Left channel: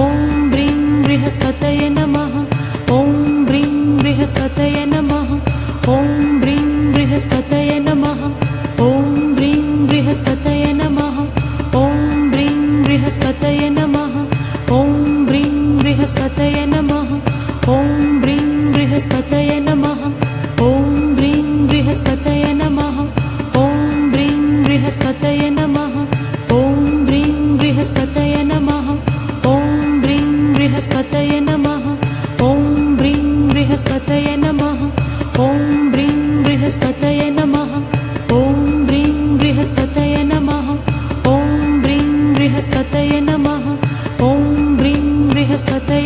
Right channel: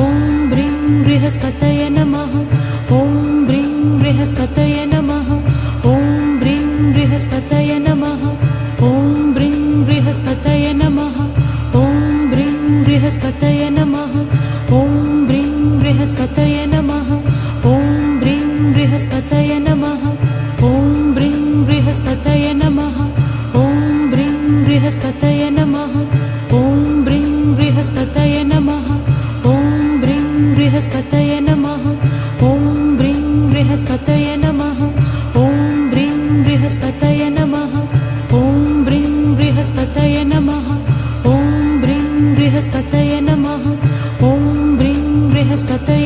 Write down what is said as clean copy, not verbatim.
ॐ ब्रीं बृहस्पतये नमः। ॐ ब्रीं बृहस्पतये नमः। ॐ ब्रीं बृहस्पतये नमः। ॐ ब्रीं बृहस्पतये नमः। ॐ ब्रीं बृहस्पतये नमः। ॐ ब्रीं बृहस्पतये नमः। ॐ ब्रीं बृहस्पतये नमः। ॐ ब्रीं बृहस्पतये नमः। ॐ ब्रीं बृहस्पतये नमः। ॐ ब्रीं बृहस्पतये नमः। ॐ ब्रीं बृहस्पतये नमः। ॐ ब्रीं बृहस्पतये नमः। ॐ ब्रीं बृहस्पतये नमः। ॐ ब्रीं बृहस्पतये नमः। ॐ ब्रीं बृहस्पतये नमः। ॐ ब्रीं बृहस्पतये